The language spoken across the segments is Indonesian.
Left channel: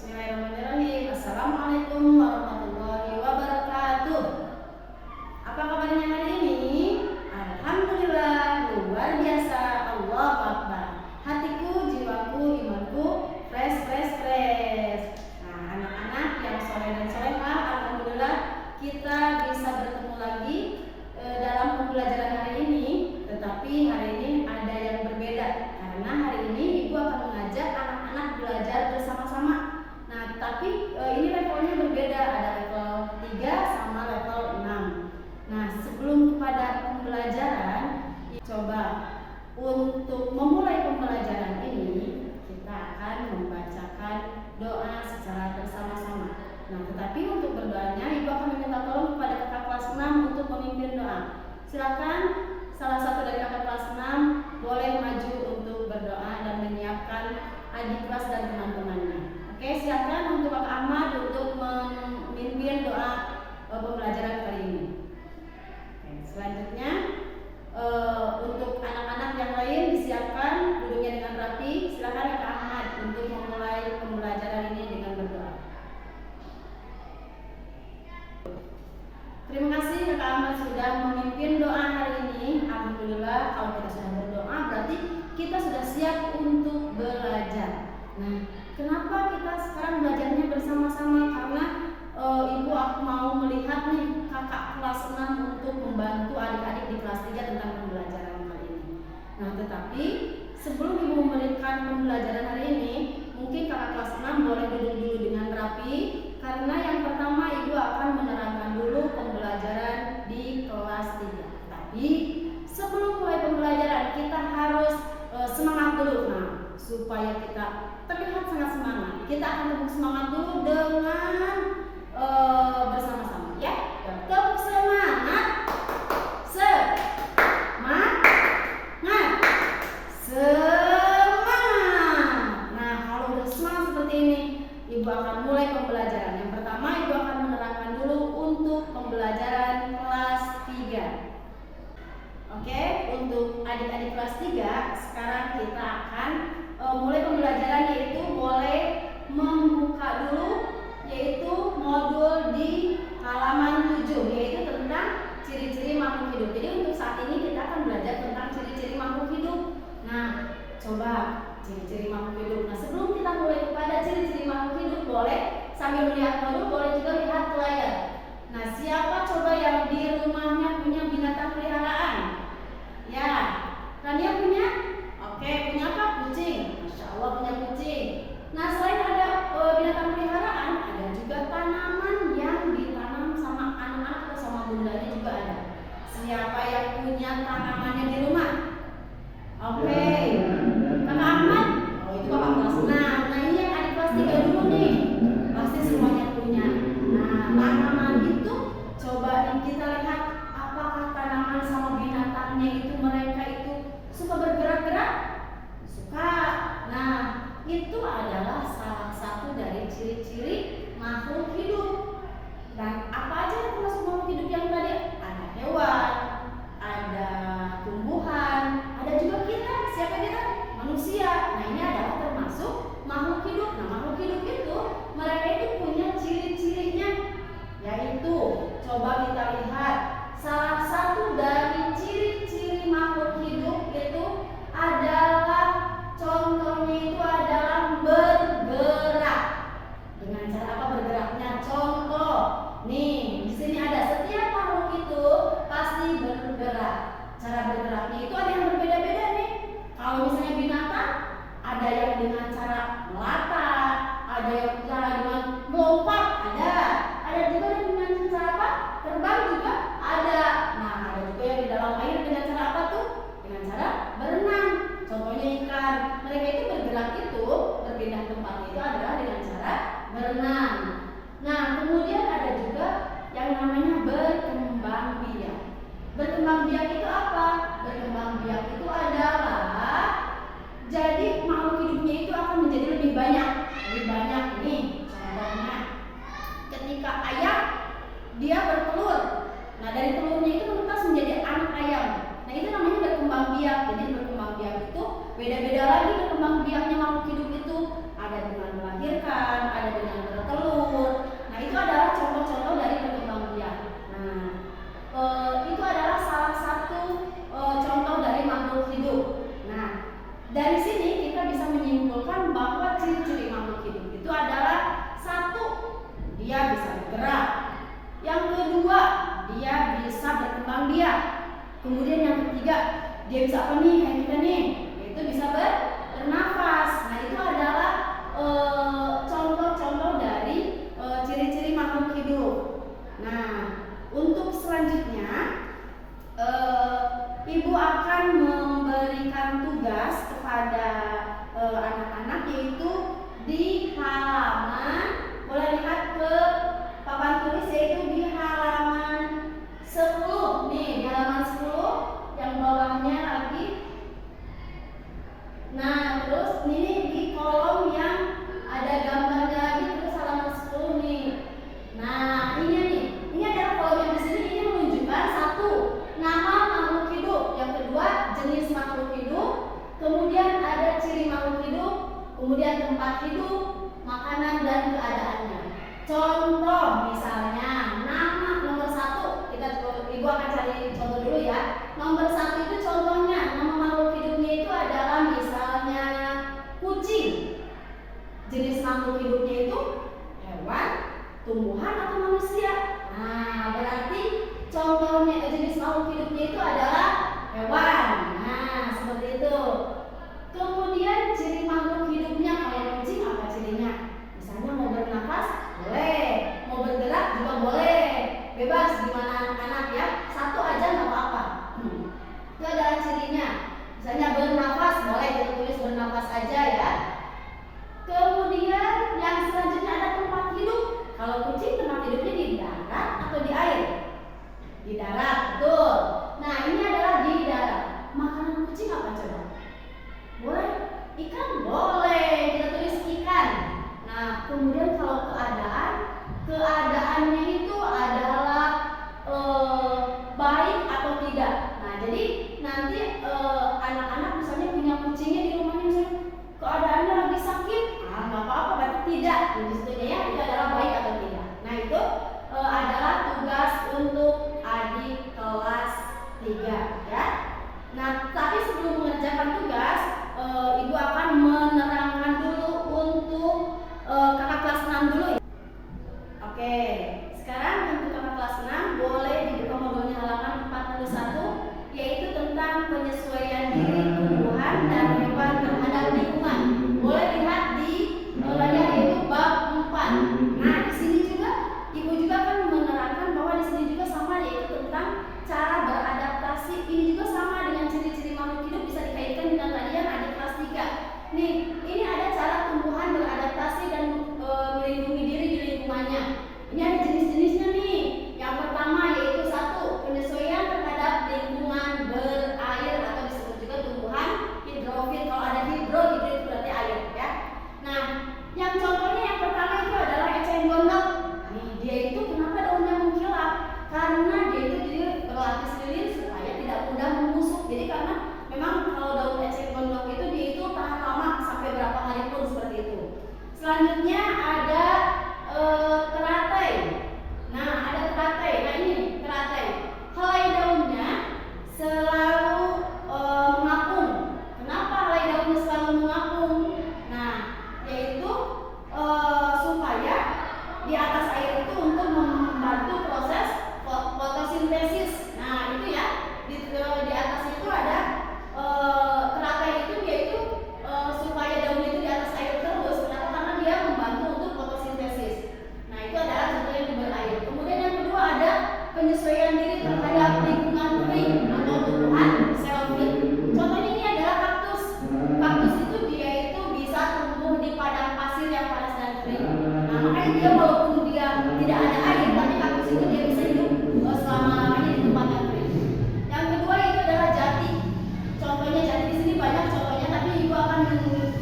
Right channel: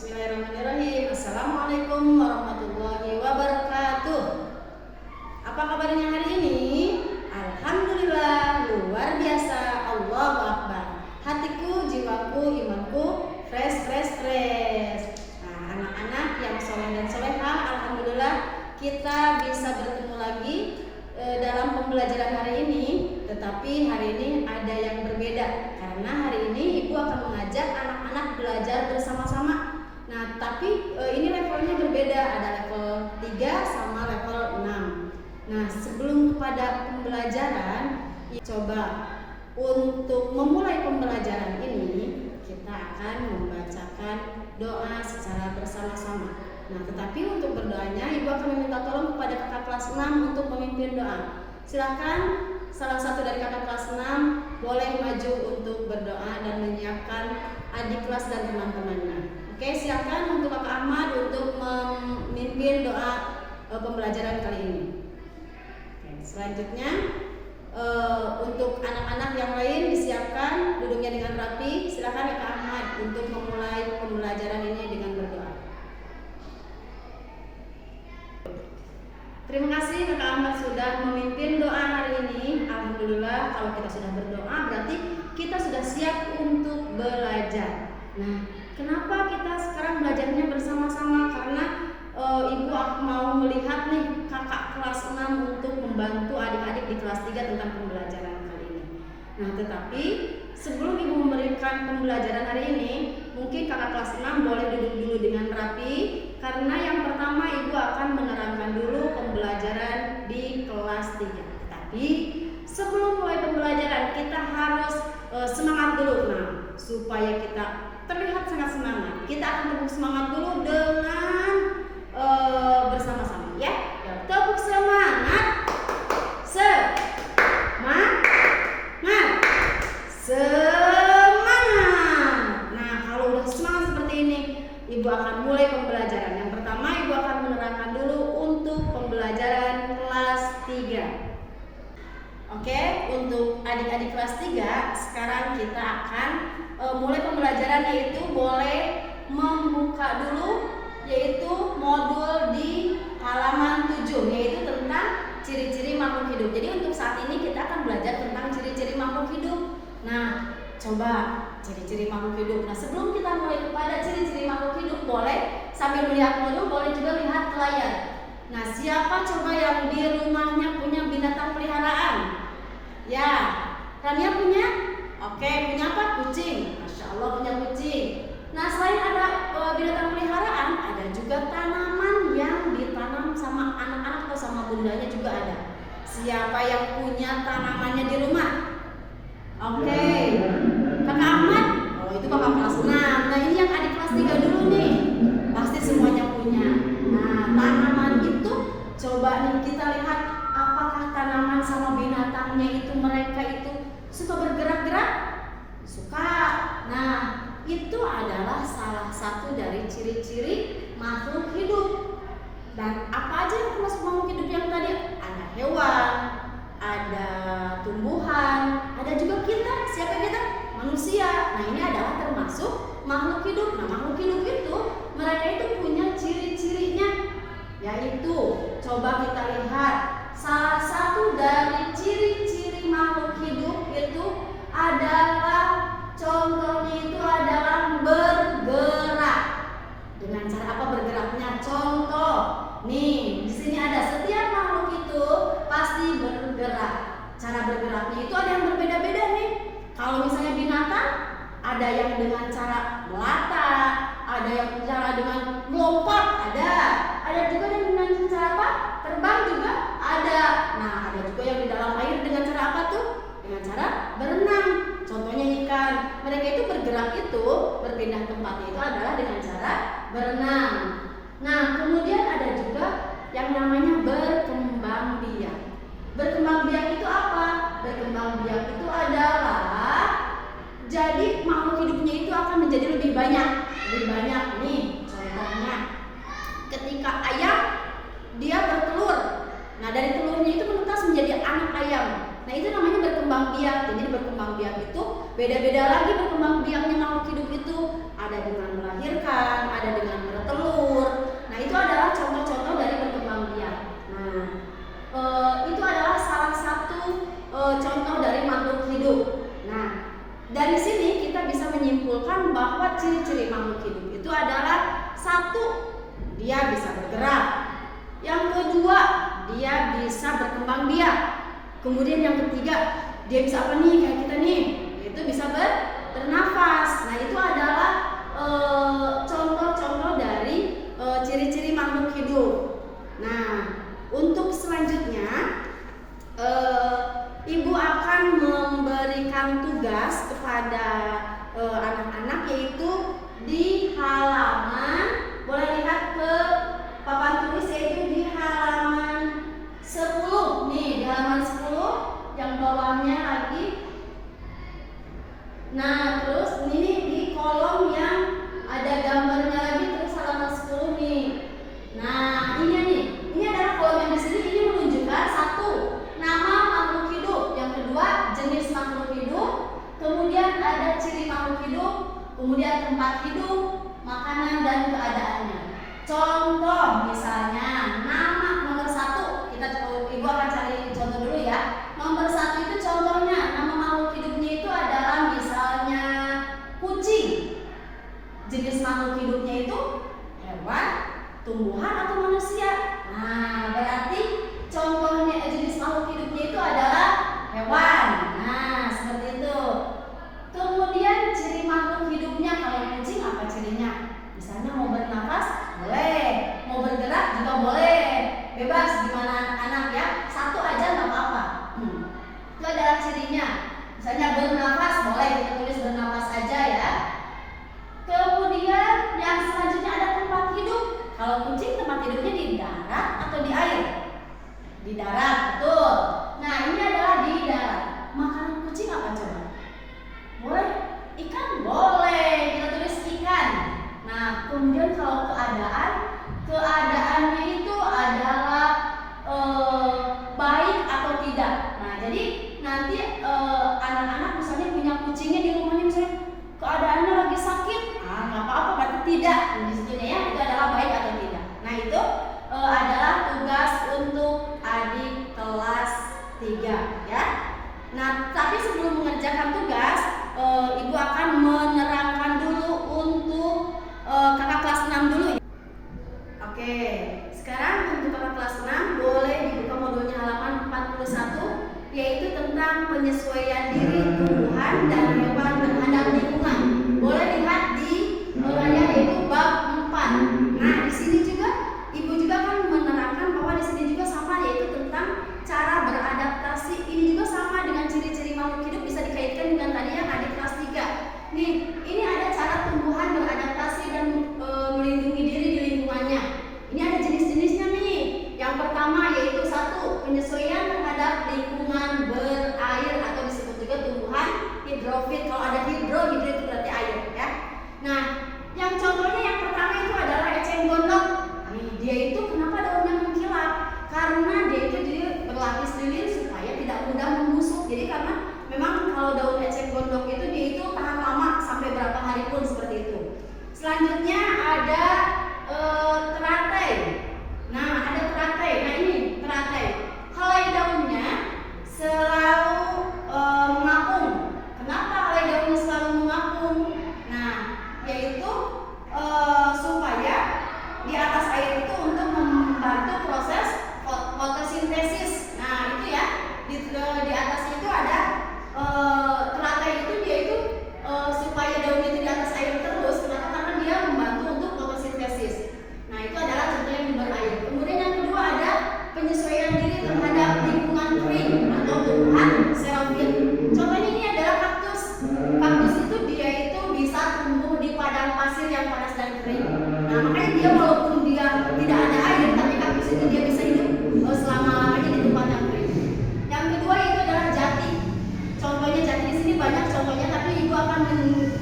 Bismillahirrahmanirrahim. Assalamualaikum warahmatullahi wabarakatuh. Apa kabarnya hari ini? Alhamdulillah, luar biasa. Allahu Akbar. Hatiku, jiwaku, imanku fresh. Nah, anak-anak yang soleh dan solehah, alhamdulillah kita bisa bertemu lagi dalam pembelajaran hari ini. Tetapi hari ini ada yang berbeda karena hari ini Ibu akan mengajak anak-anak belajar bersama-sama. Nah, tapi ini levelnya berbeda, ada level 3 sama level 6. Nah, sebelum kepada pembelajaran, coba untuk memulai pembelajaran ini kita akan membacakan doa secara bersama-sama. Nah, tetapi untuk berdoanya Ibu akan meminta tolong kepada kakak kelas 6 untuk memimpin doa. Silakan salah satu dari kakak kelas 6 boleh maju untuk berdoa dan menyiapkan adik kelas dan teman-temannya. Oke, silakan untuk Kakak Ahmad untuk memimpin doa pembelajaran kali ini. Oke, selanjutnya untuk anak-anak yang lain disiapkan duduknya dengan rapi. Silakan Kakak Ahmad untuk memulai pembelajaran ini dengan berdoa. Terima kasih Kakak Ahmad sudah memimpin doa hari ini. Alhamdulillah, kalau kita sudah berdoa berarti kita sudah siap untuk belajar. Nah, kenapa kita sekarang belajarnya bersama-sama? Karena Ibu mau melihat nih kakak kelas 6 untuk membantu adik-adik di kelas 3 tentang pembelajaran kali ini. Nah, tetapi sebelum Ibu memberikan pembelajaran hari ini, mungkin kakak kelas 6 boleh duduk dulu dengan rapi. Karena yang pertama Ibu akan menerangkan dulu pembelajaran di kelas 3. Tapi sebelum mulai pembelajaran kita harus semangat dulu. Nah, supaya kita terlihat sangat semangat, kita akan tepuk semangat dulu dengan bersama-sama ya. Tepuk semangat. Semangat. Nah, kalau udah semangat seperti ini, Ibu akan mulai pembelajaran. Yang pertama Ibu akan menerangkan dulu untuk pembelajaran kelas 3. Oke, untuk adik-adik kelas 3 sekarang kita akan mulai pembelajaran, yaitu boleh membuka dulu yaitu modul di halaman 7, yaitu tentang ciri-ciri makhluk hidup. Jadi untuk saat ini kita akan belajar tentang ciri-ciri makhluk hidup. Nah, coba ciri-ciri makhluk hidup. Nah, sebelum kita mulai kepada ciri-ciri makhluk hidup, boleh sambil melihat modul, boleh juga lihat ke layar. Nah, siapa coba yang di rumahnya punya binatang peliharaan? Ya, Rania punya? Oke, punya apa? Kucing. Masya Allah, punya kucing. Nah, selain ada binatang peliharaan, ada juga tanaman yang ditanam sama anak-anak atau sama bundanya juga ada. Siapa yang punya tanamannya di rumah? Oke, Kakak Ahmad? Oh, itu kakak kelas 6. Nah, ini yang adik kelas 3 dulu nih. Pasti semuanya punya. Nah, tanaman itu coba nih kita lihat apakah tanaman sama binatangnya itu mereka itu suka bergerak-gerak? Suka. Nah, itu adalah salah satu dari ciri-ciri makhluk hidup. Dan apa aja yang termasuk makhluk hidup yang tadi? Ada hewan, ada tumbuhan, ada juga kita. Siapa kita? Manusia. Nah, ini adalah termasuk makhluk hidup. Nah, makhluk hidup itu mereka itu punya ciri-cirinya, yaitu coba kita lihat salah satu dari ciri-ciri makhluk hidup itu adalah, contohnya itu adalah bergerak. Dengan cara apa bergeraknya? Contoh, nih di sini ada, setiap makhluk itu pasti bergerak. Cara bergeraknya itu ada yang berbeda-beda nih. Kalau misalnya binatang, ada yang dengan cara melata, ada yang cara dengan melompat, ada juga yang dengan cara apa? Terbang juga ada. Nah, ada juga yang di dalam air dengan cara apa tuh? Dengan cara berenang. Contohnya ikan. Mereka itu bergerak itu, berpindah tempat itu adalah dengan cara berenang. Nah, kemudian ada juga yang namanya berkembang biak. Berkembang biak itu apa? Berkembang biak itu adalah jadi makhluk hidupnya itu akan menjadi lebih banyak. Lebih banyak nih, contohnya ketika ayam dia bertelur. Nah, dari telurnya itu menetas menjadi anak ayam. Nah, itu namanya berkembang biak. Jadi berkembang biak itu beda-beda lagi berkembang biaknya makhluk hidup itu. Ada dengan melahirkan, dia bisa bergerak. Yang kedua, dia bisa berkembang biak. Kemudian yang ketiga, dia bisa apa nih kayak kita nih, yaitu bisa bernafas. Nah itu adalah contoh-contoh dari ciri-ciri makhluk hidup. Nah untuk selanjutnya ibu akan memberikan tugas kepada anak-anak, yaitu di halaman, boleh lihat ke papan tulis, yaitu di halaman 10 nih, di halaman 10 yang bawahnya lagi. Nah terus ini di kolom yang ada gambarnya lagi, terus halaman 10 nih. Nah ini nih, ini adalah kolom yang di sini, ini menunjukkan satu, nama makhluk hidup, yang kedua jenis makhluk hidup, kemudian ada ciri makhluk hidup, kemudian tempat hidup, makanan dan keadaannya. Contoh misalnya nama nomor 1, ibu akan cari contoh dulu ya. Nomor 1 itu contohnya nama makhluk hidupnya itu adalah misalnya kucing. Jenis makhluk hidupnya itu hewan, tumbuhan atau manusia. Nah berarti contohnya jenis makhluk hidupnya itu adalah hewan. Nah seperti itu. Kemudian ciri makhluk hidupnya, kalau kucing apa cirinya? Misalnya mau bernafas boleh, mau bergerak juga boleh, bebas gimana anak-anak ya, satu aja nggak apa-apa. Itu adalah cirinya. Misalnya bernafas boleh, kita tulis bernafas aja ya. Kemudian yang selanjutnya ada tempat hidup. Kalau kucing tempat hidupnya di darat atau di air? Di darat, betul. Nah ini adalah di darat. Makanan kucing apa coba? Boleh? Ikan? Boleh, kita tulis ikan. Nah kemudian kalau keadaannya itu adalah baik atau tidak. Nah jadi nanti anak-anak misalnya punya kucingnya di rumahnya, misalnya keadaannya lagi sakit, nggak apa-apa, berarti tidak. Disitunya ya, itu adalah baik atau tidak. Nah itu adalah tugas untuk adik kelas 3 ya. Nah tapi sebelum mengerjakan tugas, ibu akan menerangkan dulu untuk kakak kelas 6 dulu. Oke, sekarang untuk kakak kelas 6 boleh dibuka modulnya halaman 41, yaitu tentang penyesuaian diri tumbuhan dan hewan terhadap lingkungan. Boleh lihat di yaitu bab 4. Nah di sini juga ibu juga akan menerangkan bahwa di sini juga sama, yaitu tentang cara beradaptasi. Ini juga sama dengan ciri-ciri makhluk hidup, bisa dikaitkan dengan tadi yang adik kelas 3. Nih, ini ada cara tumbuhan beradaptasi dan melindungi diri di lingkungannya. Ini ada jenis-jenisnya nih. Yang pertama yaitu 1, penyesuaian terhadap lingkungan berair atau disebut juga tumbuhan hidrofit. Kalau ada hidro itu berarti air ya. Nah, yang contohnya yang pertama itu adalah eceng gondok. Nih, dia itu kenapa daunnya mengkilap? Karena dia itu jadi berlapis lilin supaya tidak mudah membusuk. Jadi karena memang kalau daun eceng gondok itu dia itu tahan lama sampai berapa hari pun seperti itu. Selanjutnya ada teratai. Nah ada teratai. Nah ini teratai. Helai daunnya selalu mengapung. Kenapa helai daunnya selalu mengapung? Nah yaitu supaya di atas air itu untuk membantu proses fotosintesis. Nah itu ya, di atas itu ada teratai itu, dia itu supaya daun itu di atas air terus. Kenapa? Karena dia membantu untuk fotosintesis. Nah itu adalah contoh yang di berair. Kemudian yang kedua ada penyesuaian diri terhadap lingkungan kering atau tumbuhan xerophyll. Contohnya ini adalah kaktus. Kaktus itu dia itu bisa tumbuh di padang pasir yang panas dan kering. Nah makanya dia walaupun dia tidak ada air, tapi kaktus itu dia bisa hidup selama-lamanya di tempat yang kering. Yang kedua itu adalah jati. Contohnya jati, di sini banyak contohnya, tapi ibu akan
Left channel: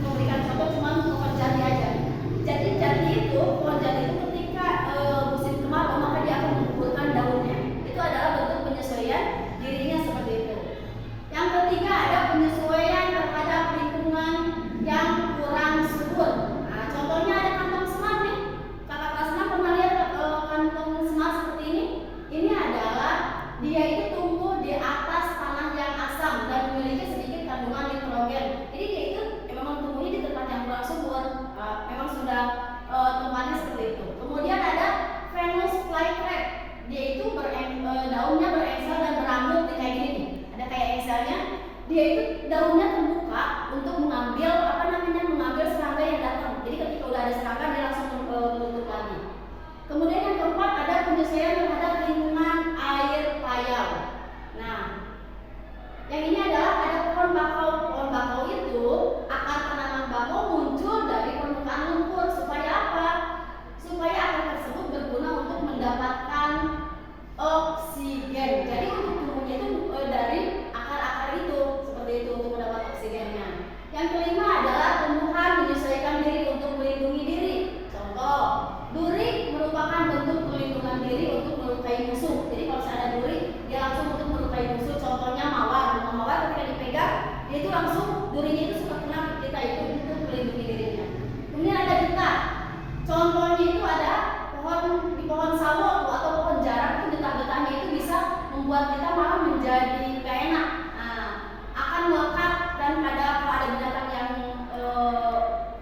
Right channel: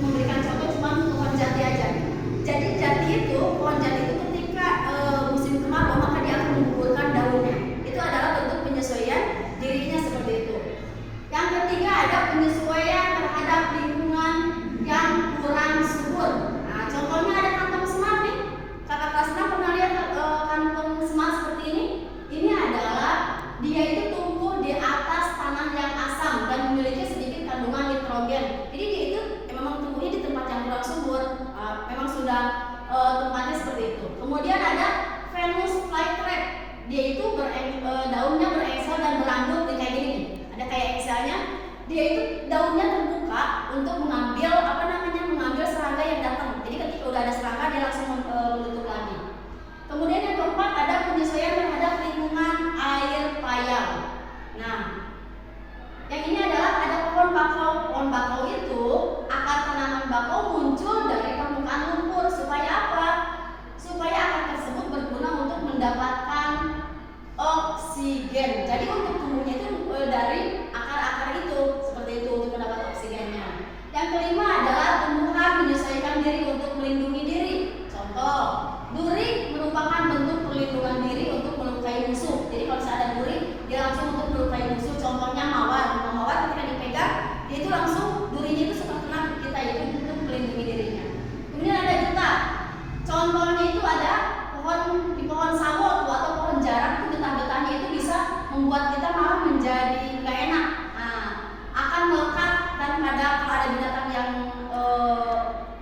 memberikan contoh cuma pohon jati aja. Jadi jati itu, pohon jati itu ketika musim kemarau maka dia akan menggugurkan daunnya. Itu adalah bentuk penyesuaian dirinya seperti itu. Yang ketiga ada penyesuaian terhadap lingkungan yang kurang subur. Nah contohnya ada kantong semar nih. Kakak kelas 6 pernah lihat kantong semar seperti ini? Ini adalah dia itu tumbuh di atas tanah yang asam dan memiliki sedikit kandungan nitrogen. Jadi dia itu memang tumbuhnya di tempat yang kurang subur. Memang sudah tempatnya seperti itu. Kemudian ada dia itu daunnya berengsel dan berambut kayak gini nih. Ada kayak engselnya. Dia itu daunnya terbuka untuk mengambil mengambil serangga yang datang. Jadi ketika udah ada serangga dia langsung menutup lagi. Kemudian yang keempat ada penyesuaian terhadap lingkungan air payau. Nah, yang ini adalah ada pohon bakau. Pohon bakau itu akar tanaman bakau muncul dari permukaan lumpur supaya apa? Supaya akar tersebut berguna untuk mendapatkan oksigen. Jadi untuk tumbuhnya itu dari akar-akar itu seperti itu untuk mendapat oksigennya. Yang kelima adalah tumbuhan menyesuaikan diri untuk melindungi diri. Contoh, duri merupakan bentuk perlindungan diri untuk melukai musuh. Jadi kalau ada duri, dia langsung untuk melukai musuh. Contohnya mawar. Mawar ketika dipegang, dia itu langsung durinya itu suka kena kita itu untuk melindungi dirinya. Kemudian ada getah. Contohnya itu ada pohon sawo atau pohon jarang, itu getah-getahnya itu bisa membuat kita malah menjadi gak enak. Nah, akan melekat dan kalau ada binatang yang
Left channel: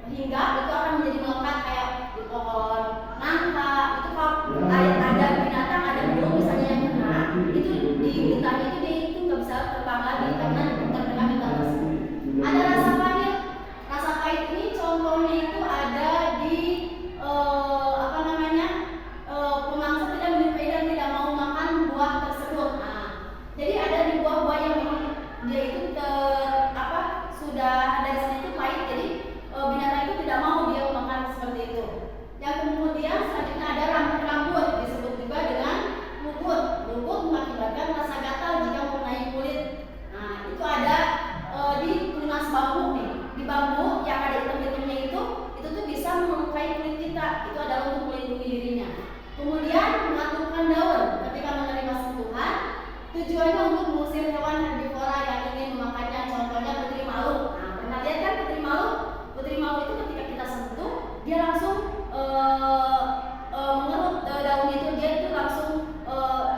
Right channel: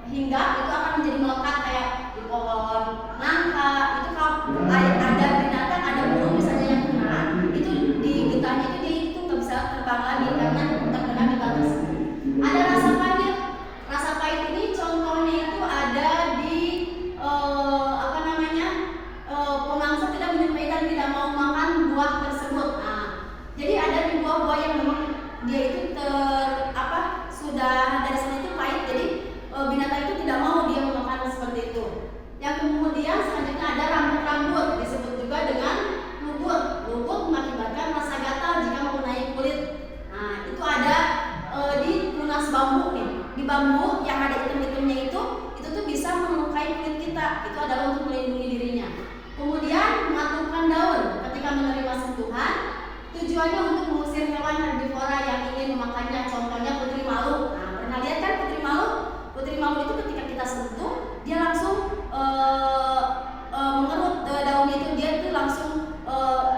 hinggap itu akan menjadi melekat kayak di pohon nangka. Itu kalau ada binatang, ada burung misalnya yang kena, itu di getahnya itu nggak bisa terbang lagi karena terkena getah tersebut. Ada rasa pahit. Rasa pahit ini contohnya itu ada di pemangsa tidak menyukai dan tidak mau makan buah tersebut. Nah, jadi ada di buah-buah yang memang dia itu sudah dari sana itu pahit, jadi binatang itu tidak mau dia makan seperti itu. Yang kemudian selanjutnya ada rambut-rambut, disebut juga dengan lugut. Lugut mengakibatkan rasa gatal jika mengenai kulit. Nah, itu ada di tunas bambu nih. Di bambu yang ada item-itemnya itu tuh bisa melukai kulit kita. Itu adalah untuk melindungi dirinya. Kemudian mengaturkan daun ketika menerima sentuhan, tujuannya untuk mengusir hewan herbivora yang ingin memakannya. Contohnya putri malu. Nah, pernah lihat kan putri malu? Putri malu itu ketika kita sentuh, dia langsung mengerut daunnya itu, dia itu langsung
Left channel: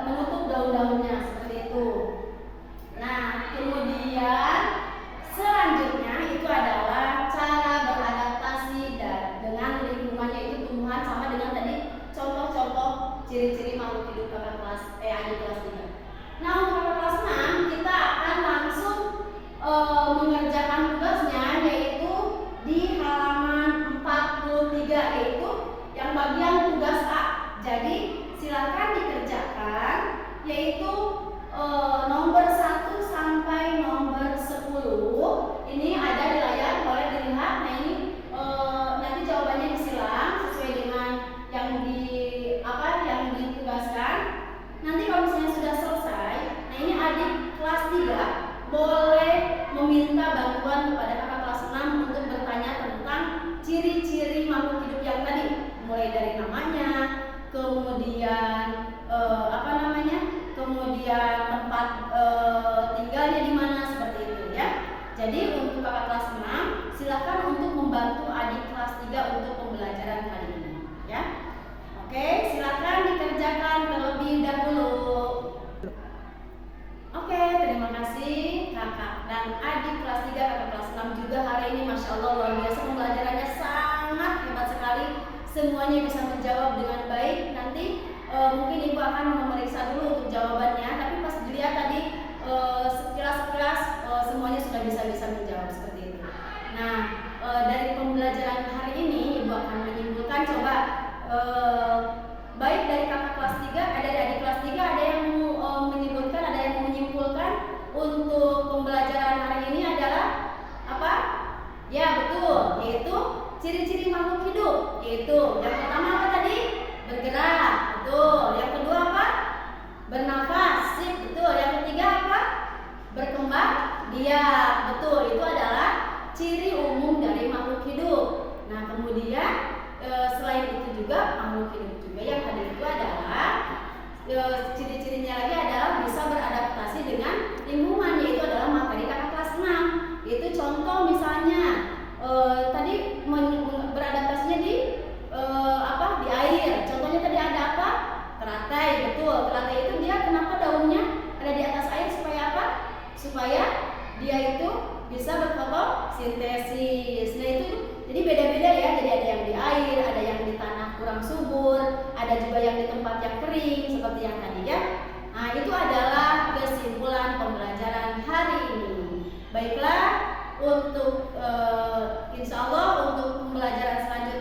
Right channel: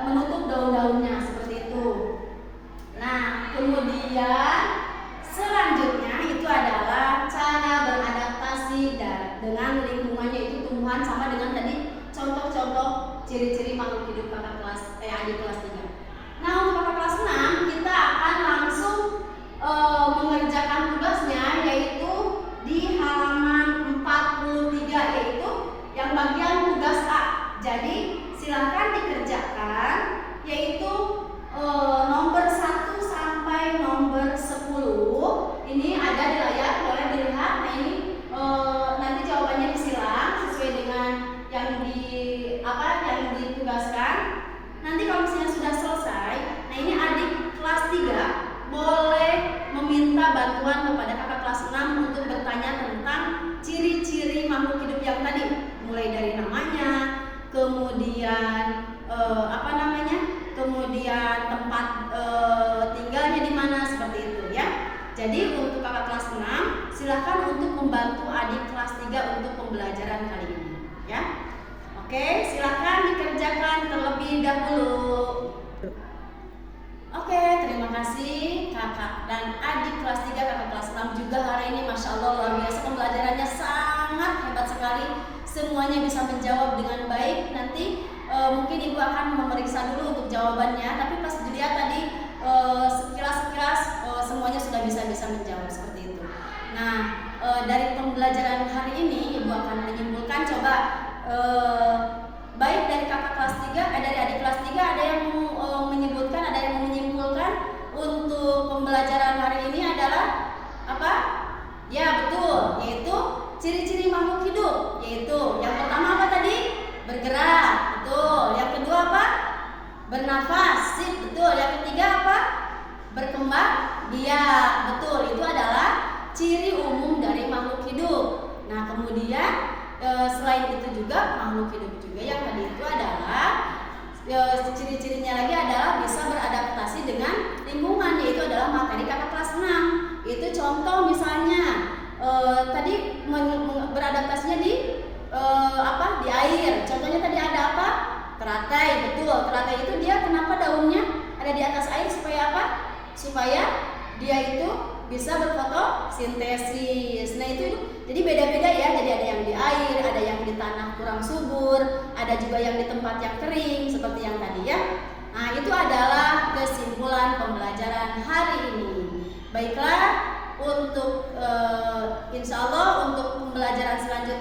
menutup daun-daunnya seperti itu. Nah, kemudian selanjutnya itu adalah cara beradaptasi dengan lingkungannya, itu tumbuhan sama dengan tadi contoh-contoh ciri-ciri makhluk hidup kakak kelas adik kelas 3. Nah, untuk kakak kelas 6 kita akan langsung mengerjakan tugasnya, yaitu di halaman 43, yaitu yang bagian tugas A. Jadi silakan dikerjakan, yaitu nomor 1 sampai nomor 10. Ini ada di layar, boleh dilihat. Nah, ini nanti jawabannya disilang sesuai dengan yang ditugaskan. Nanti kalau misalnya sudah selesai, nah ini adik kelas 3 boleh meminta bantuan kepada kakak kelas 6 untuk bertanya tentang ciri-ciri makhluk hidup yang tadi, mulai dari namanya, kemudian kemudian tempat tinggalnya di mana, seperti itu ya. Jadi untuk kakak kelas 6 silakan untuk membantu adik kelas 3 untuk pembelajaran kali ini ya. Oke, silakan dikerjakan terlebih dahulu. Oke, terima kasih kakak dan adik kelas 3, kakak kelas 6 juga hari ini, Masya Allah luar biasa, pembelajarannya sangat hebat sekali. Semuanya bisa menjawab dengan baik. Nanti mungkin ibu akan memeriksa dulu untuk jawabannya, tapi pas dilihat tadi sekilas semuanya sudah bisa menjawab seperti itu. Nah, dari pembelajaran hari ini ibu akan menyimpulkan, coba baik dari kakak kelas 3, dari adik kelas 3 ada yang menyebutkan, ada yang menyimpulkan untuk pembelajaran hari ini adalah apa? Ya betul, yaitu ciri-ciri makhluk hidup. Yaitu yang pertama apa tadi? Bergerak, betul. Yang kedua apa? Bernafas, sip, betul. Yang ketiga apa? Berkembang biak, betul. Itu adalah ciri umum dari makhluk hidup. Nah, kemudian selain itu juga makhluk hidup juga yang tadi itu adalah ciri-cirinya lagi adalah bisa beradaptasi dengan lingkungan, yaitu adalah materi kakak kelas 6. Itu contoh misalnya tadi beradaptasinya di di air. Contohnya tadi ada apa? Teratai, betul. Teratai itu dia kenapa daunnya ada di atas air supaya apa? Supaya dia itu bisa berfotosintesis. Nah itu jadi beda-beda ya. Jadi ada yang di air, ada yang di tanah kurang subur, ada ada juga yang di tempat yang kering seperti yang tadi ya. Nah, itu adalah kesimpulan pembelajaran hari ini. Baiklah, untuk insya Allah untuk pembelajaran selanjutnya